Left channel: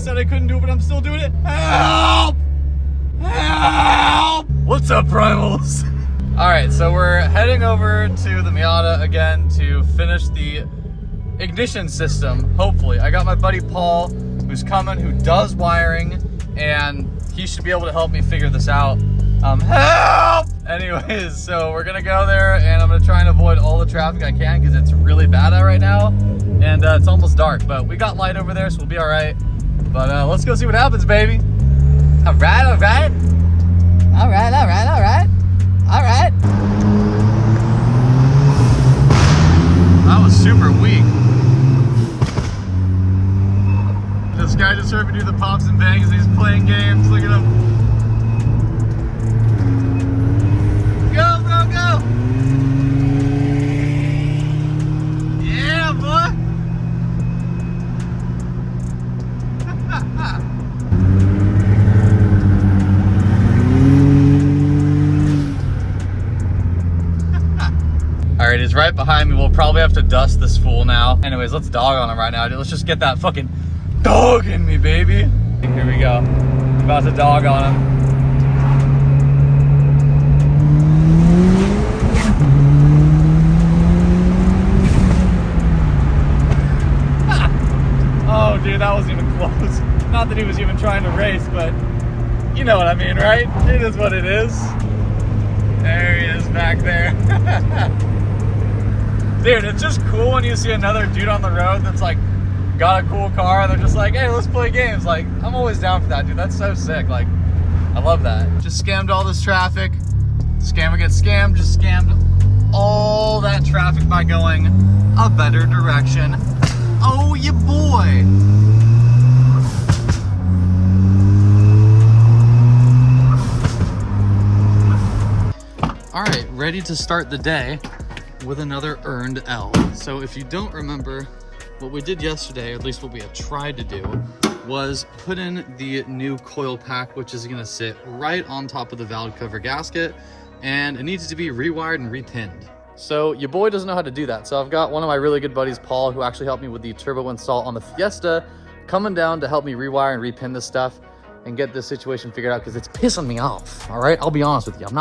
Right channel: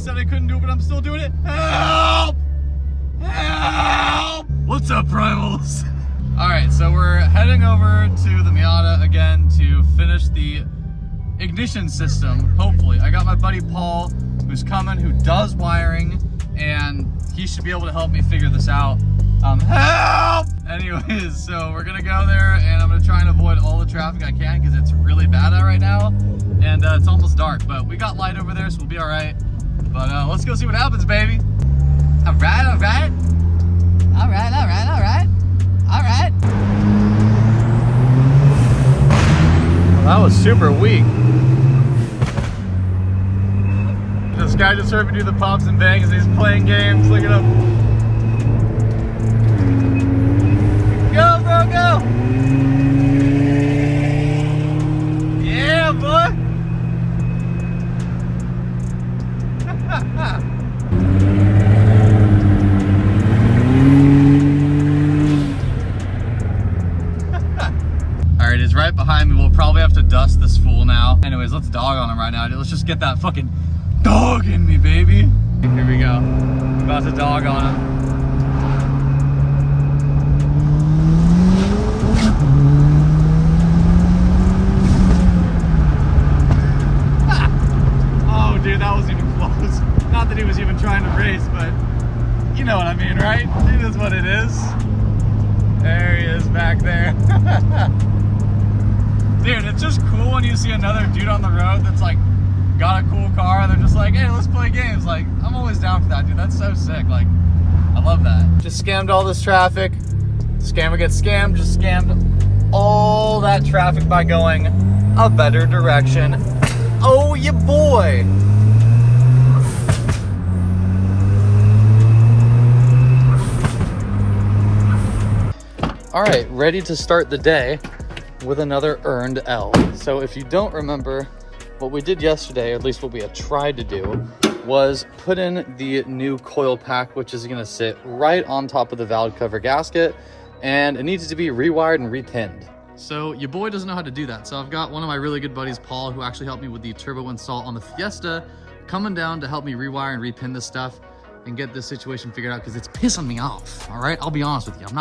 said I couldn't do it, but I'm still doing it. Help! Help! What's up, Primals? All right, so we're heading over to the Miata again to finish the ignition system, hopefully. I got my buddy Paul, who's coming, who does wiring, and he should be able to help me figure this out. Help! Anyways, so we're gonna go there, and I'm gonna try and avoid all the traffic I can because it's really bad out right now, and it's almost dark, but we got light over there, so we'll be all right. But let's go see what happens, baby. All right, all right. All right, all right, all right. All right. Well, that was super weak. This guy just heard me do the pops and bangs as he's playing games. Look at him. Go, bro, go. Yeah, boy. All right, he's right behind me. We'll probably have to dust this fool now. Anyways, let's dog on him right now. Let's just get that fucking dog in me, baby. Here we go. I'm about to dog on him. Oh, dude, that wasn't even close. Not that he was even trying to race, but you know what I mean, right? It is what it is. There he is back there. Dude, it's just cool when you see another dude on the road that's like got a cool car. They're just like, hey, let's play games. Like, I'm always down for that, dude. That's so sick. Like, I love that. Just scammed all this traffic. Scammer gets scammed. Just scammed all that traffic by going a better direction. Oh, yeah, boy. All right, ready to start the day with another earned L. So if you don't remember, what we did yesterday, or at least what we had tried to do, was put in the new coil pack, which is gonna sit right on top of the valve cover gasket, and it needs to be rewired and repinned. So your boy doesn't know how to do that. So I've got one of my really good buddies, Paul, who actually helped me with the turbo install on the Fiesta, coming down to help me rewire and repin this stuff and get this situation figured out because it's pissing me off. All right, I'll be honest with you. I'm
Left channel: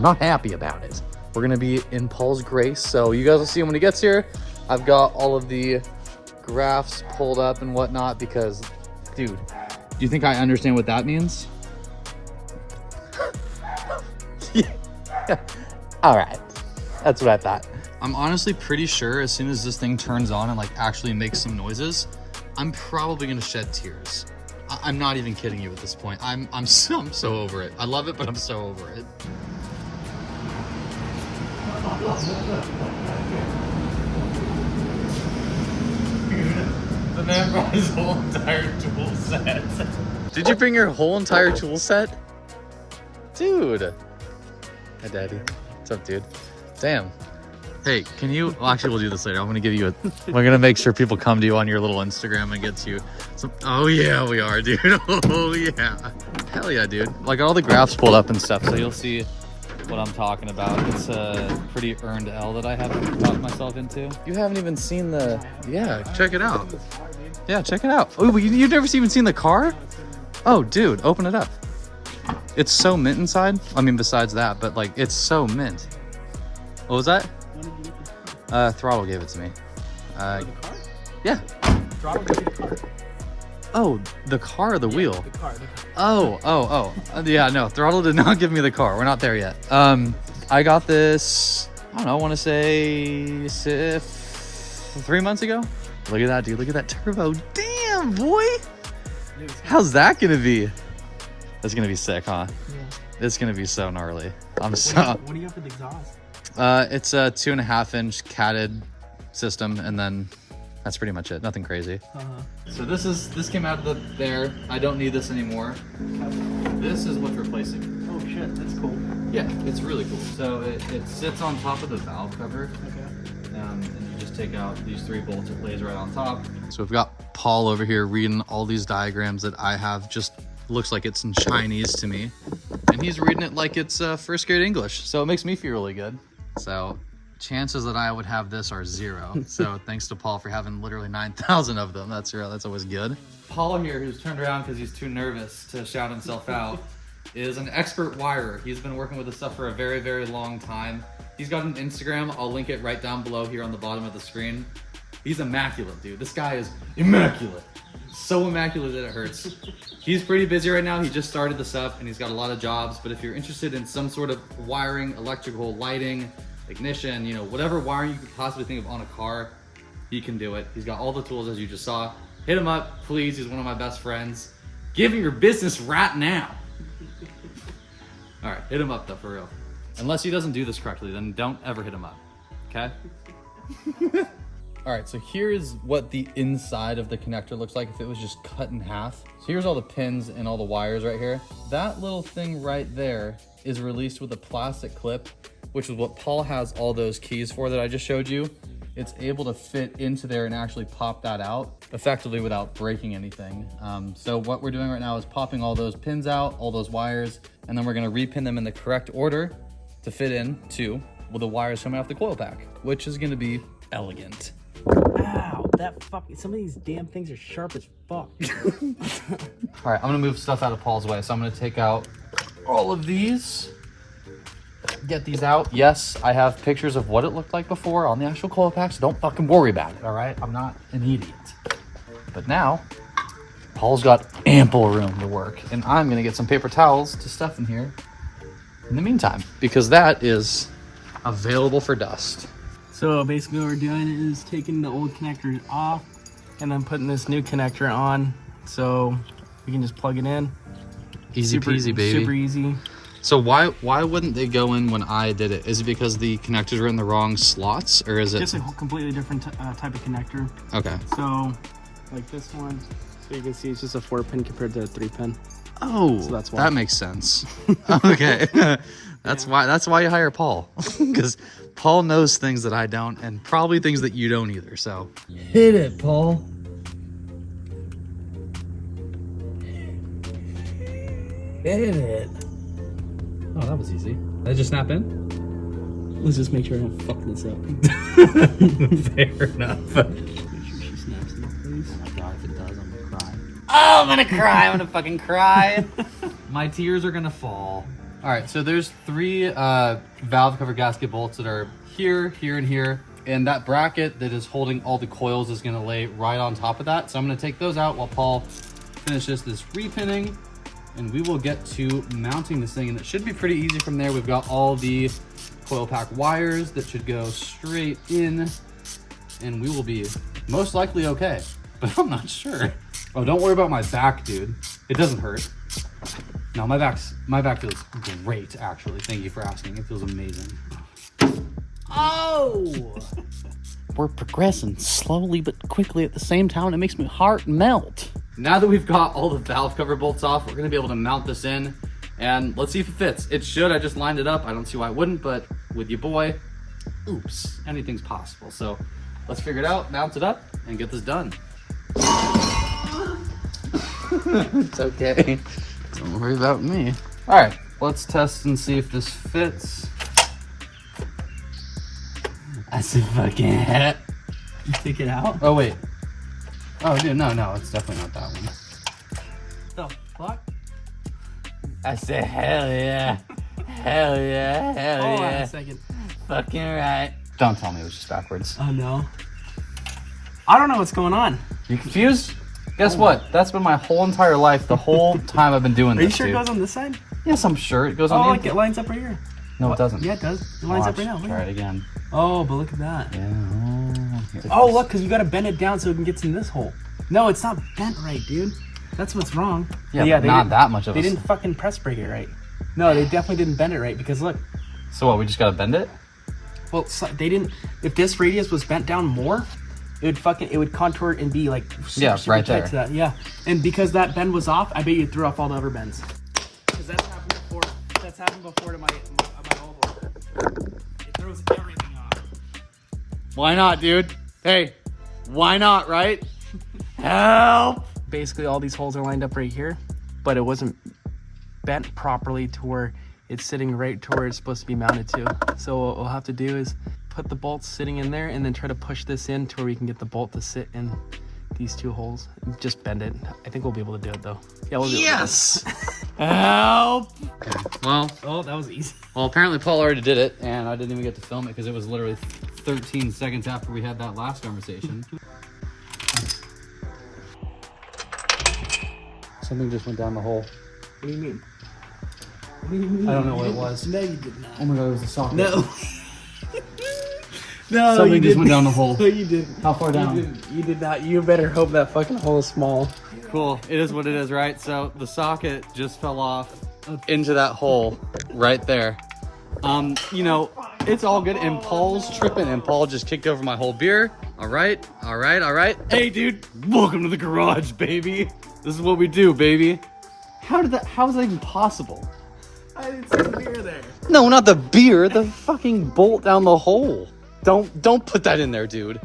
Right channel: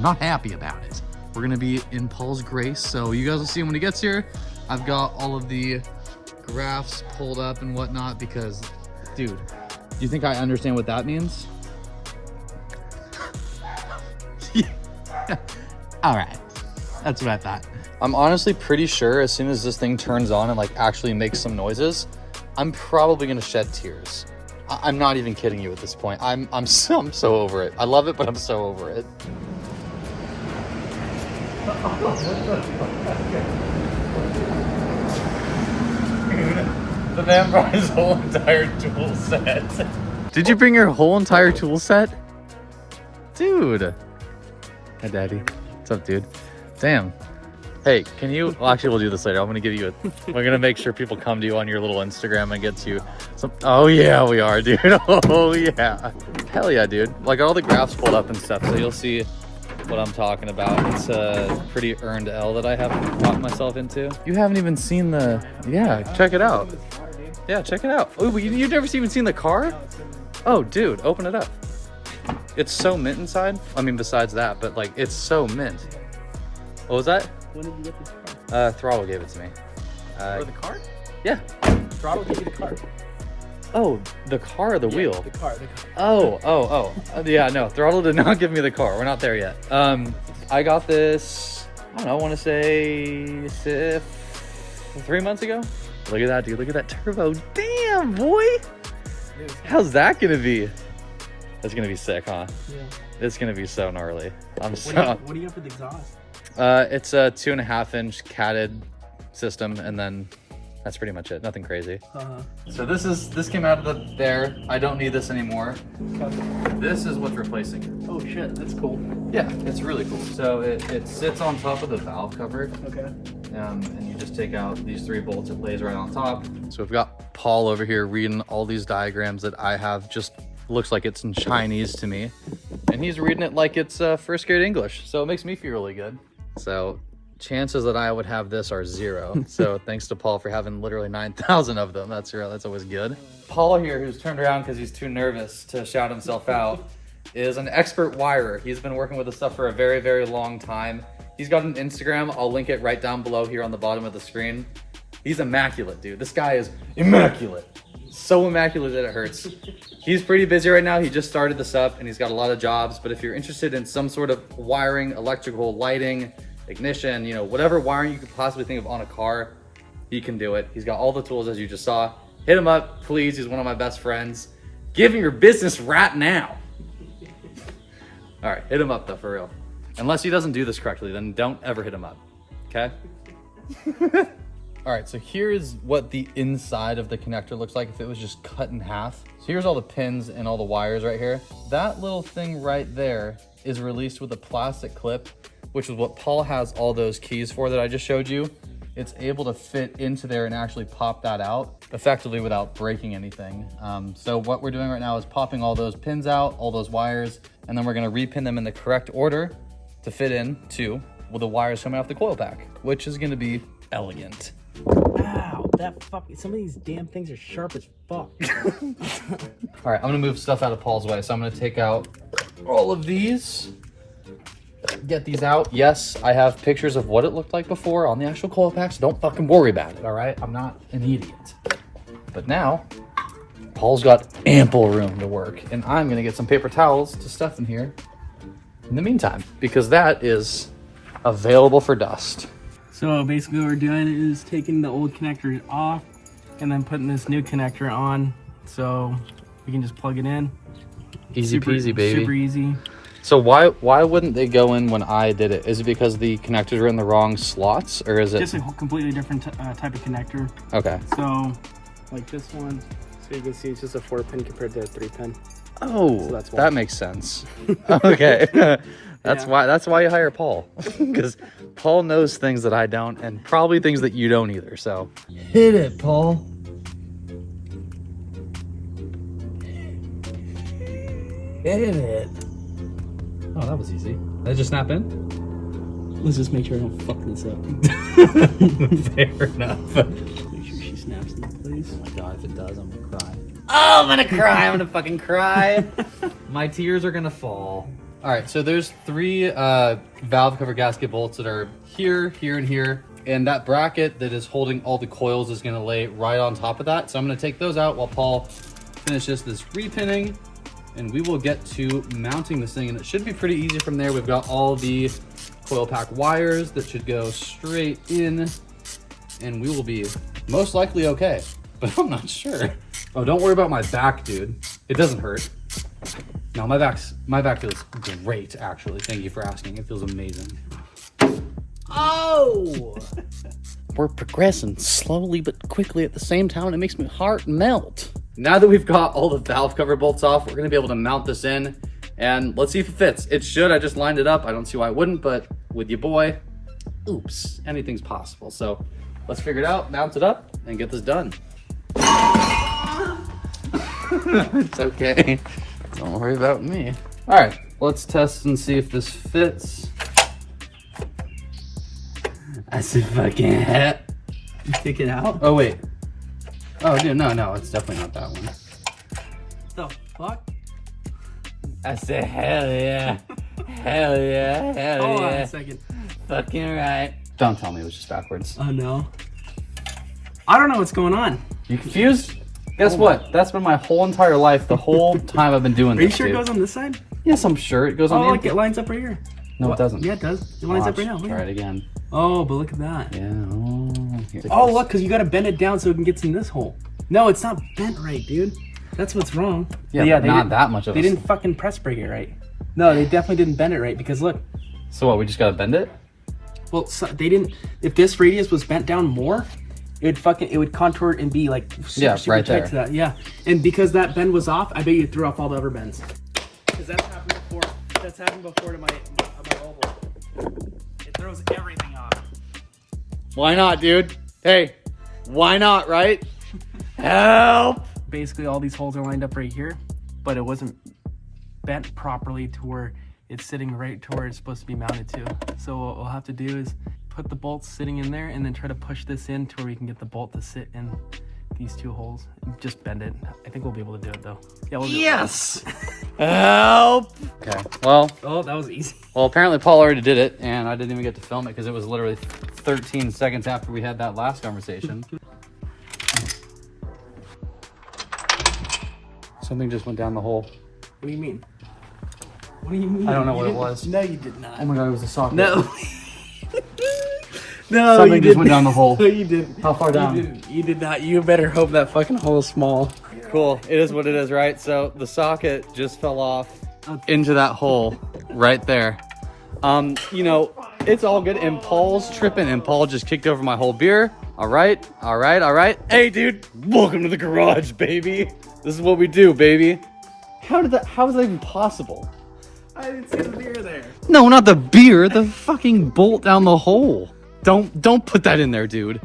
not happy about it. We're gonna be in Paul's grace, so you guys will see him when he gets here. I've got all of the graphs pulled up and whatnot because, dude, do you think I understand what that means? Yeah. All right, that's what I thought. I'm honestly pretty sure as soon as this thing turns on and like actually makes some noises, I'm probably gonna shed tears. I'm not even kidding you at this point. I'm so over it. I love it, but I'm so over it. The man brought his whole entire tool set. Did you bring your whole entire tool set? Dude. Hi, Daddy. What's up, dude? Damn. Hey, can you, well, actually, we'll do this later. I'm going to give you we're going to make sure people come to you on your little Instagram and get you some, oh yeah, we are, dude. Oh yeah. Hell yeah, dude. Like all the graphs pulled up and stuff, so you'll see what I'm talking about. It's a pretty earned L that I have got myself into. You haven't even seen the, yeah, check it out. Yeah, check it out. Oh, you've never even seen the car? Oh, dude, open it up. It's so mint inside. I mean, besides that, but like, it's so mint. What was that? When did you get this car? Throttle gave it to me. The car? Yeah. Throttle gave you the car. Oh, the car or the wheel? The car. Oh. Yeah, no, Throttle did not give me the car. We're not there yet. I got this, I don't know, I want to say 3 months ago. Look at that, dude. Look at that turbo. Damn, boy. Dude, How's that going to be? That's going to be sick, huh? Yeah. It's going to be so gnarly. What do you have for the exhaust? It's a 2.5-inch catted system, and then that's pretty much it. Nothing crazy. So this came out of there. I don't need this anymore. This is what's replacing. Oh shit, that's cool. Yeah, it's really cool. So it sits on top of the valve cover. Okay. And you just take out these 3 bolts. It lays right on top. So we've got Paul over here reading all these diagrams that I have. Just looks like it's in Chinese to me, and he's reading it like it's first grade English. So it makes me feel really good. So chances that I would have this are 0. So thanks to Paul for having literally 9,000 of them. That's always good. Paul here, who's turned around because he's too nervous to shout himself out, is an expert wirer. He's been working with this stuff for a very, very long time. He's got an Instagram. I'll link it right down below here on the bottom of the screen. He's immaculate, dude. This guy is immaculate. So immaculate that it hurts. He's pretty busy right now. He just started this up and he's got a lot of jobs. But if you're interested in some sort of wiring, electrical, lighting, ignition, you know, whatever wiring you could possibly think of on a car, he can do it. He's got all the tools as you just saw. Hit him up, please. He's one of my best friends. Give him your business right now. All right, hit him up though, for real. Unless he doesn't do this correctly, then don't ever hit him up, okay? All right, so here's what the inside of the connector looks like if it was just cut in half. So here's all the pins and all the wires right here. That little thing right there is released with a plastic clip, which is what Paul has all those keys for that I just showed you. It's able to fit into there and actually pop that out effectively without breaking anything. So what we're doing right now is popping all those pins out, all those wires, and then we're gonna repin them in the correct order to fit in to with the wires coming off the coil pack, which is gonna be elegant. Ow, some of these damn things are sharp as fuck. All right, I'm gonna move stuff out of Paul's way. So I'm gonna take out all of these, get these out. Yes, I have pictures of what it looked like before on the actual coil pack, so don't fucking worry about it, all right? I'm not an idiot. But now, Paul's got ample room to work, and I'm gonna get some paper towels to stuff in here in the meantime, because that is available for dust. So basically what we're doing is taking the old connector off and then putting this new connector on so we can just plug it in. Easy peasy, baby. Super easy. So why wouldn't they go in when I did it? Is it because the connectors were in the wrong slots, or is it just a completely different type of connector? Okay. So like this one, so you can see it's just a 4-pin compared to a 3-pin. Oh, so that's why. That makes sense. Okay. That's why you hire Paul, because Paul knows things that I don't, and probably things that you don't either. So hit it, Paul. Hit it. Oh, that was easy. Did it just snap in? Let's just make sure I don't fuck this up. Fair enough. Make sure she snaps in place. Oh my God, if it does, I'm gonna cry. Oh, I'm gonna cry. I'm gonna fucking cry. My tears are gonna fall. All right, so there's 3 valve cover gasket bolts that are here, here, and here. And that bracket that is holding all the coils is gonna lay right on top of that. So I'm gonna take those out while Paul finishes this repinning, and we will get to mounting this thing. And it should be pretty easy from there. We've got all the coil pack wires that should go straight in, and we will be most likely okay, but I'm not sure. Oh, don't worry about my back, dude. It doesn't hurt. No, my back feels great, actually. Thank you for asking. It feels amazing. Oh! We're progressing slowly but quickly at the same time. It makes my heart melt. Now that we've got all the valve cover bolts off, we're gonna be able to mount this in, and let's see if it fits. It should. I just lined it up. I don't see why it wouldn't, but with your boy, oops, anything's possible. So let's figure it out, mount it up, and get this done. It's okay. Don't worry about me. All right, let's test and see if this fits. That's a fucking hat. Take it out. Oh, wait. Oh, dude, no, it's definitely not that one. Oh, fuck. I said, hell yeah. Hell yeah, hell Hold yeah. on a second. Fucking right. Don't tell me it was just backwards. Oh, no. I don't know what's going on. You confused? Guess what? That's been my whole entire life, the whole time I've been doing Are you this, sure dude. it goes on this side? Yes, I'm sure it goes on Oh, the look, it lines up right here. No, it doesn't. Yeah, it does. It lines up right now. Look Try at it again. Oh, but look at that. Yeah. Oh, look, because you got to bend it down so it can get in this hole. No, it's not bent right, dude. That's what's wrong. Yeah, they not didn't- that much of They a... didn't fucking press break it right. No, they definitely didn't bend it right because look. So what, we just gotta bend it? Well, so they didn't. If this radius was bent down more, it would contour and be like super, super right tight there. to that. Yeah, and because that bend was off, I bet you threw off all the other bends. Because that's happened before. That's happened before to my oval. It throws everything off. Why not, dude? Hey, why not, right? Help! Basically, all these holes are lined up right here, but it wasn't bent properly to where it's sitting right to where it's supposed to be mounted to. So what we'll have to do is put the bolts sitting in there and then try to push this in to where we can get the bolt to sit in these 2 holes. Just bend it. I think we'll be able to do it though. Yeah, we'll do Yes! Help! Okay, well. Oh, that was easy. Well, apparently Paul already did it, and I didn't even get to film it because it was literally 13 seconds after we had that last conversation. Something just went down the hole. What do you mean? What do you mean? I don't know what it was. No, you did not. Oh my god, it was a socket. No. No, Something you just didn't. went down the hole. No, you didn't. How far down? You did not. You better hope that fucking hole is small. Cool. It is what it is, right? So the socket just fell off into that hole right there. You know, it's all good. And Paul's tripping, and Paul just kicked over my whole beer. All right, all right, all right. Hey, dude, welcome to the garage, baby. This is what we do, baby. How is that even possible? I didn't see the beer there. No, not the beer. The fucking bolt down the hole. Don't put that in there, dude.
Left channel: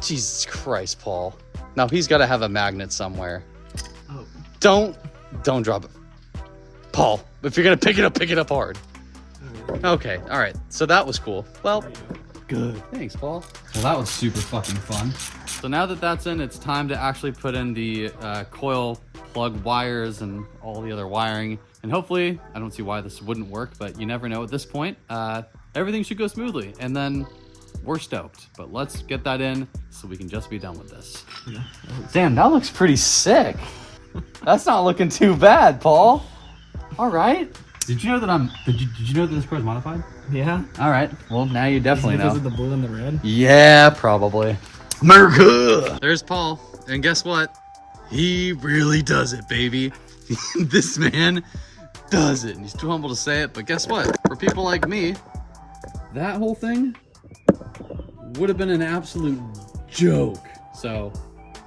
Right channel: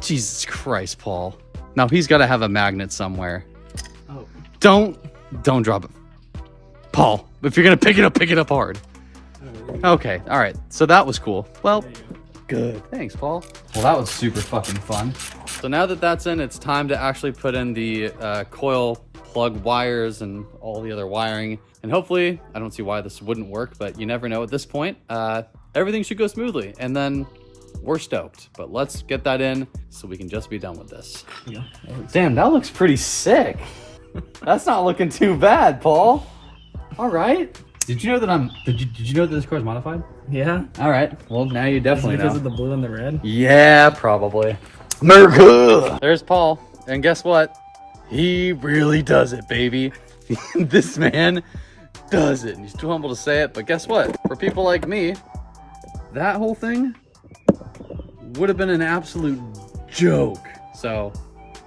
Jesus Christ, Paul. Now he's got to have a magnet somewhere. Oh. Don't drop it. Paul, if you're going to pick it up hard. Okay, all right. So that was cool. Well, good. Thanks, Paul. Well, that was super fucking fun. So now that that's in, it's time to actually put in the coil plug wires and all the other wiring. And hopefully, I don't see why this wouldn't work, but you never know at this point. Everything should go smoothly, and then we're stoked. But let's get that in so we can just be done with this. Yeah. Damn, that looks pretty sick. That's not looking too bad, Paul. All right. Did you know that did you know that this car's modified? Yeah. All right. Well, now you definitely because know. of the blue and the red? Yeah, probably. America! There's Paul. And guess what? He really does it, baby. This man does it. And he's too humble to say it, but guess what? For people like me, that whole thing would have been an absolute joke. So,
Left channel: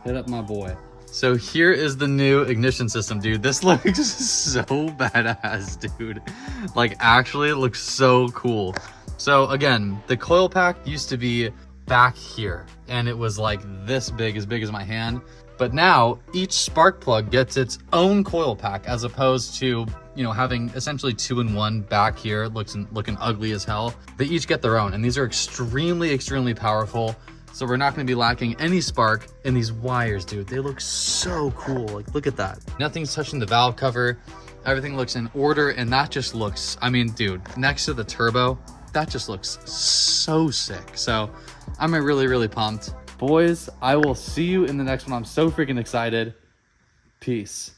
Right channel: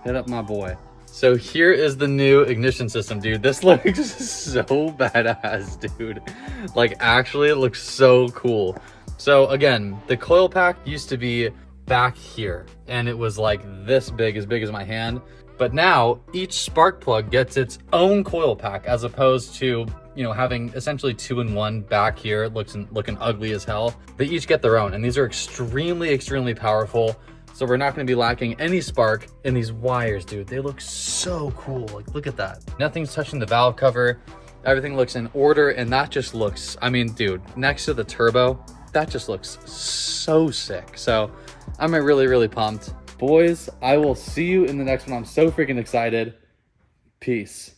hit up my boy. So here is the new ignition system, dude. This looks so badass, dude. Like, actually, it looks so cool. So again, the coil pack used to be back here, and it was like this big, as big as my hand. But now each spark plug gets its own coil pack, as opposed to, you know, having essentially 2-in-1 back here, looking ugly as hell. They each get their own, and these are extremely, extremely powerful. So we're not going to be lacking any spark in these wires, dude. They look so cool. Like, look at that. Nothing's touching the valve cover. Everything looks in order, and that just looks, I mean, dude, next to the turbo, that just looks so sick. So I'm really, really pumped. Boys, I will see you in the next one. I'm so freaking excited. Peace.